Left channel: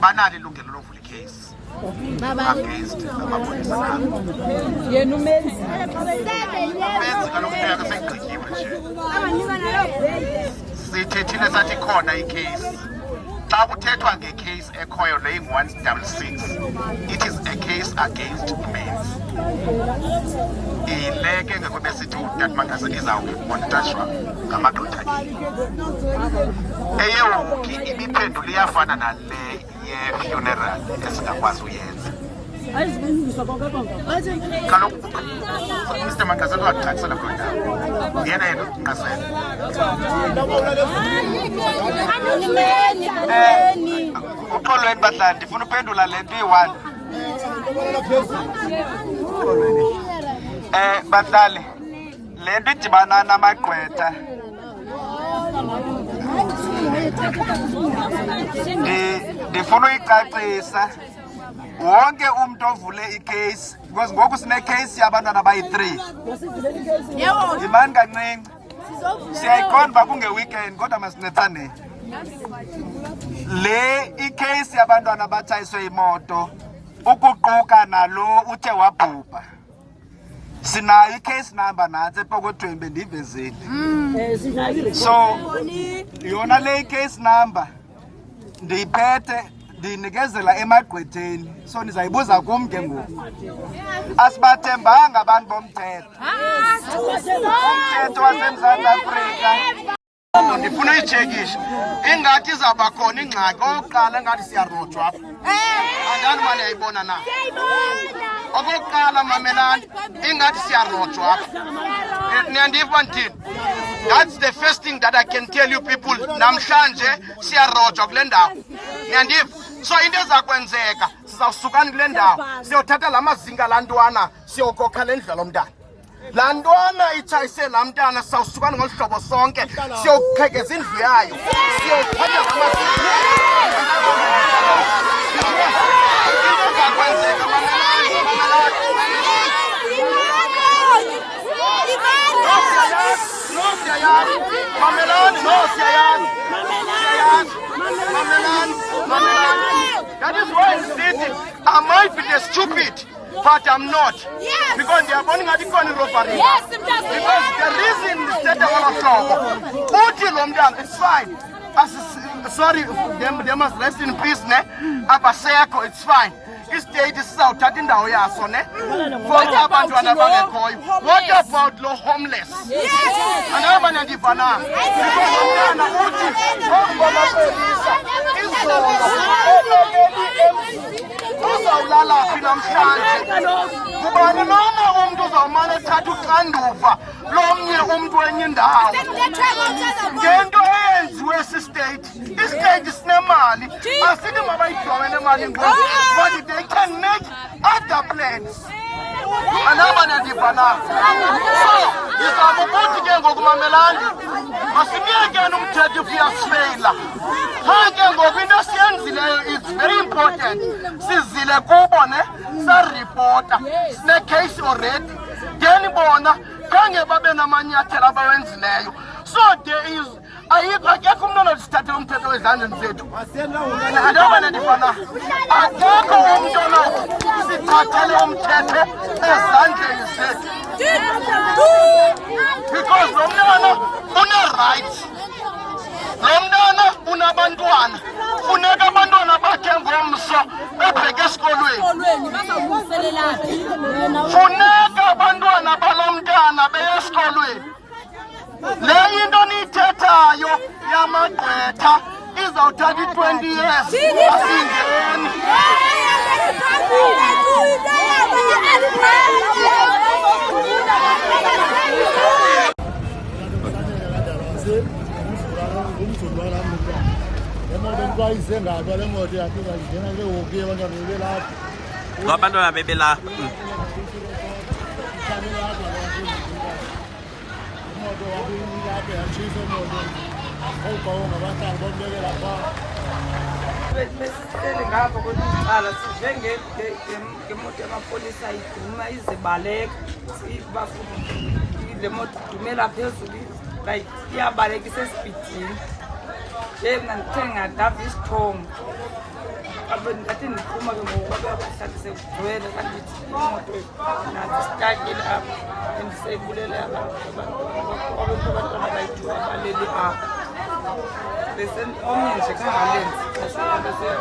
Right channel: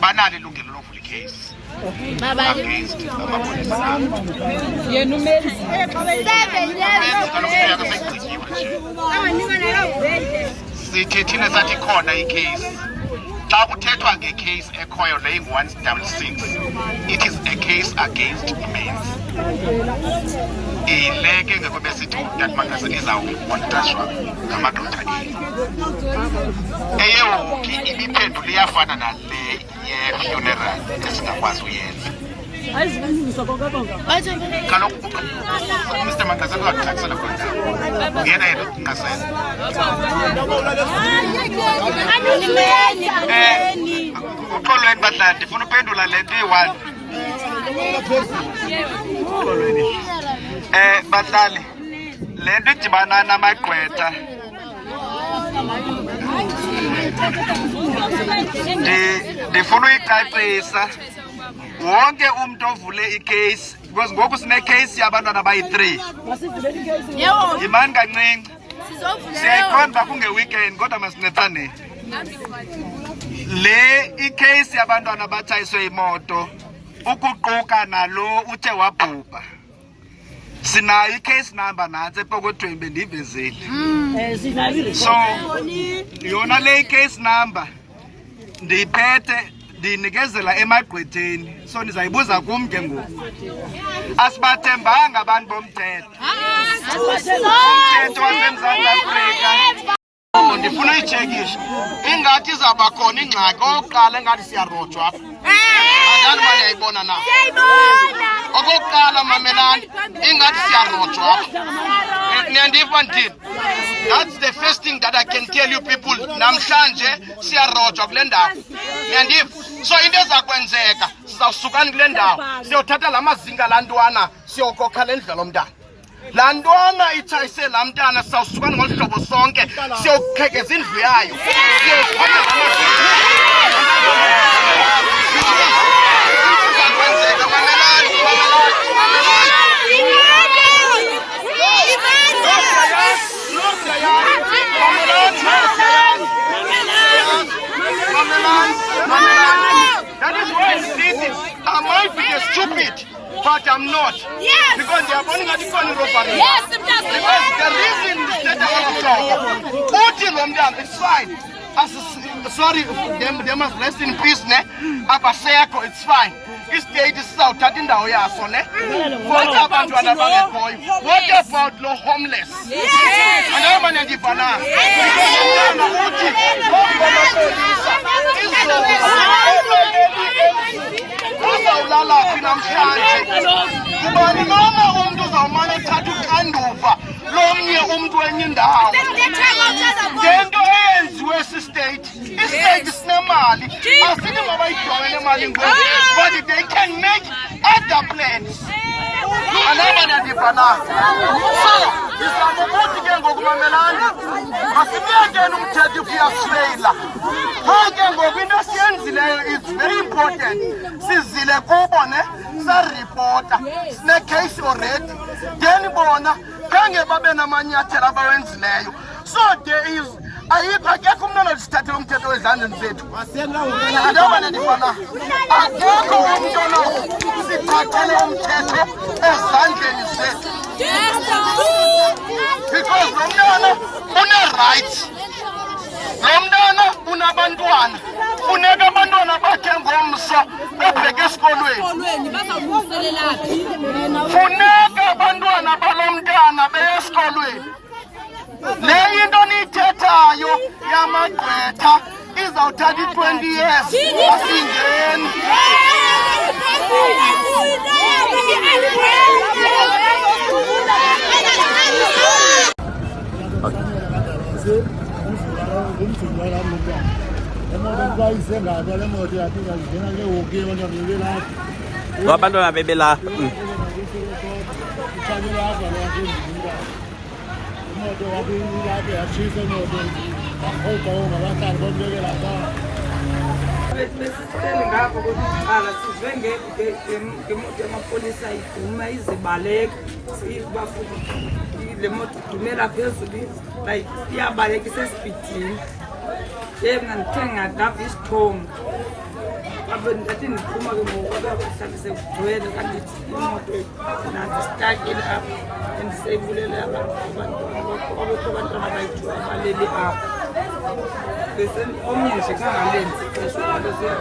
banalo ilungelo lovula icase against amapolisa nabo. Yena umenzi. Kaloku sekugqityiwe nje. Sithethile sathi khona icase. Xa kuthethwa ngecase ekhoyo le 166, it is a case against men's. Ile ke ngeke besithi uTat Mangaza izawumonitashwa ngamagqwetha eyewoki imiphendulo iyafana nale ye-funeral esingakwazi uyenza. Kaloku Mr. Mangaza uyakuthathela kuloo ndawo yena yena ungasenza. Uxolweni badlali, ndifuna uphendula le nto iyi-1. Badlali, le nto idibana namagqwetha ndifuna uyicacisa. Wonke umntu ovule icase, because ngoku sinecase yabantwana abayi-3. Yimani kancinci, siyayiqonda uba kunge-weekend kodwa masincedane. Le icase yabantwana abatshayiswe imoto ukuquka nalo uthe wabhubha, sinayo icase number nantsi epokothweni bendiyivezile. So yona le icase number ndiyiphethe ndinikezela emagqwetheni, so nizayibuza kum ke ngoku. Asibathembanga abantu bomthetho, umthetho waseMzantsi Afrika. Ndifuna uyitshekisha ingathi izawuba khona ingxaki okokuqala engathi siyarojwa apha. Angani mani yayibona na? Okokuqala mamelani ingathi siyarojwa apha. Niyandiva ndithini? That's the first thing that I can tell you people. Namhlanje siyarojwa kule ndawo. Niyandiva? So into ezakwenzeka sizawusukani kule ndawo siyothatha la mazinga laa ntwana siyokokha le ndlela omntana. Laa ntwana itshayise laa mntana sizawusukani ngolu hlobo sonke siyokuqhekeza indlu yayo siyothatha la mazinga. That is why I'm sitting. I might be stupid, but I'm not. Yes. Because they are going to go in robbery. Yes, because the reason that I want to talk, it's fine. Sorry, they must rest in peace, ne? Abaseko, it's fine. This state is south, indawo yaso, ne? For abantu abangekhoyo. What about the homeless? Yes. And I'm going to give an answer. Because umntana uthi uzawulala phi namhlanje? Kubani noma umntu uzawumane ethatha uxanduva lomnye umntu wenye indawo ngento eyenziwe sistate. Istate sinemali, asithi mabayidowele emali ngoku, but they can make other plans. Anaba nadiva na. So izama ukuthi ke ngokumamelana masibiyekeni umthetho uyasifeyila. Ke ngoku into esiyenzileyo is very important. Sizile kubo ne saripota sine-case already, then bona khange babe namanyathelo abawenzileyo. So there is akekho umntu onozithathela umthetho wezandleni zethu. Andoba nandifana akekho umntu onozithathele umthetho ezandleni zethu, because lo mntana une-rights, lo mntana unabantwana. Funeka abantwana bakhe ngomso bebheke esikolweni. Funeka abantwana balo mntana beye esikolweni. Le into niyithethayo yamagqwetha izawuthatha i-20 years asingeni. Abantwana bebela ngemoto yamapolisa iduma izibaleka le moto idumela phezulu like iyabaleka isesipidini. yena ndithe ngadava isithongo athi ndiphuma ke ngoku abeyakuhlala sekugcwele kandithi imoto nazisitakile apha endiseyibulele abantu obekho abantwana bayi-2 abaleli apha omnye nje kangalenzi ixesha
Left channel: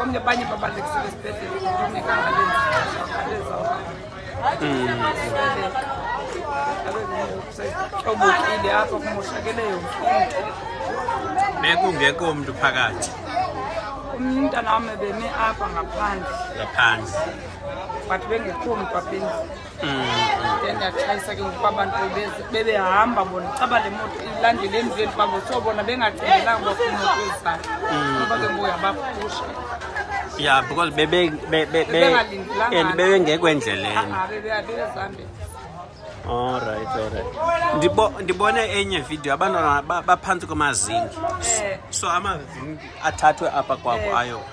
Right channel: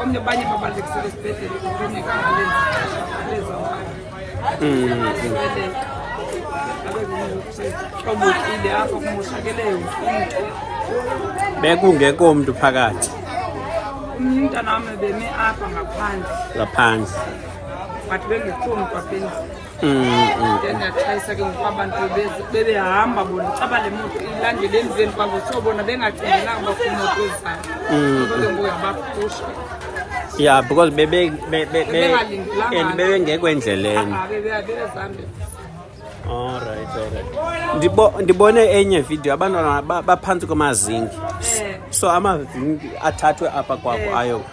omnye abanye babalekisele esibhedlele kodwa omnye kangalenzi ixesha abaleza abezobukile apha kumoshakele yonke bekungekho mntu phakathi omnye umntana wami beme apha ngaphandle but bengekho mntu apha endlini then ndatshayisa ke ngoku abantu bebehamba bona caba le moto ilandele emveni kwabo so bona bengacingelanga bakho imoto ezayo ngoba ke ngoku yabaphusha yeah because bebengekho endleleni bebezambe. Alright. Ndibone enye video abantwana baphantsi kwamazinki. So amazinki athathwe apha kwakho ayo.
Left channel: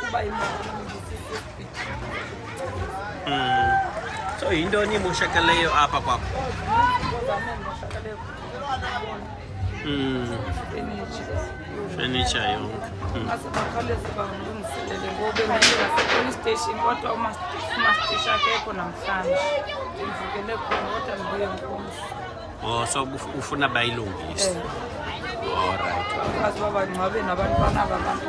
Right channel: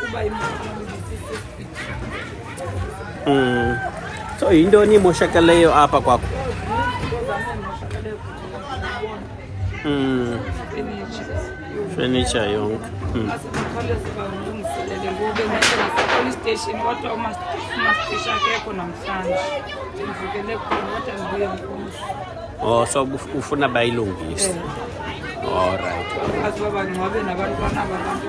Kuba So yintoni imoshakeleyo apha kwakho? Furniture yonke. Asibakhawuleze balungiselele ngoba bendifika police station kodwa umastisha akekho namhlanje. Ndivukele khona kodwa ndibuye ngomso. Oh, so ufuna bayilungise. Alright. Bazi babangcwabe nabantwana abantu.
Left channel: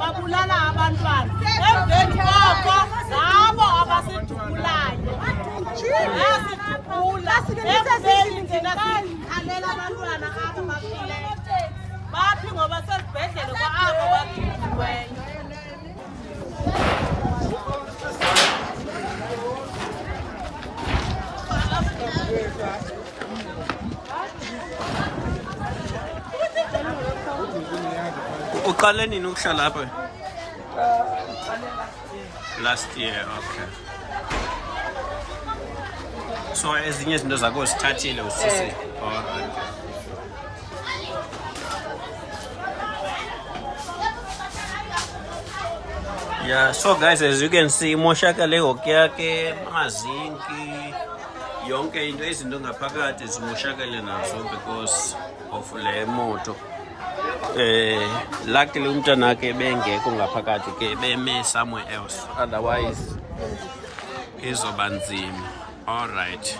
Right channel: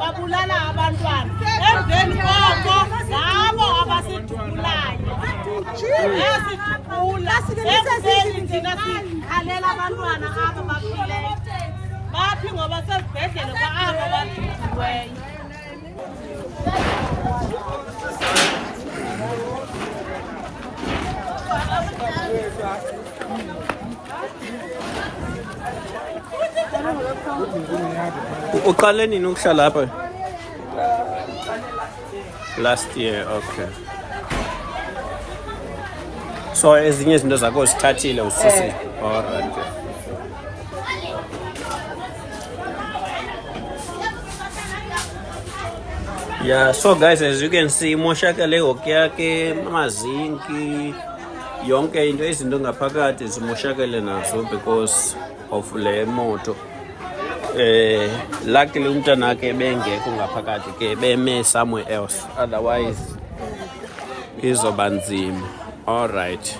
babulala abantwana emveni koko zabo abasijubulayo yasijubula ekubeni thina sikhalela abantwana abo baphileyo baphi ngoba sezibhedlele kwa abo bajijiweyo. Uqale nini ukuhlala lapha? Last year, okay. So ezinye izinto zakho zithathile usisi. Alright. Yeah, so guys, as you can see, imoshakale ihokhi yakhe, amazinki, yonke into izinto ngaphakathi zimoshakale nazo because of le moto. Luckily umntana ke bengekho ngaphakathi ke beme somewhere else, otherwise izoba nzima. All right.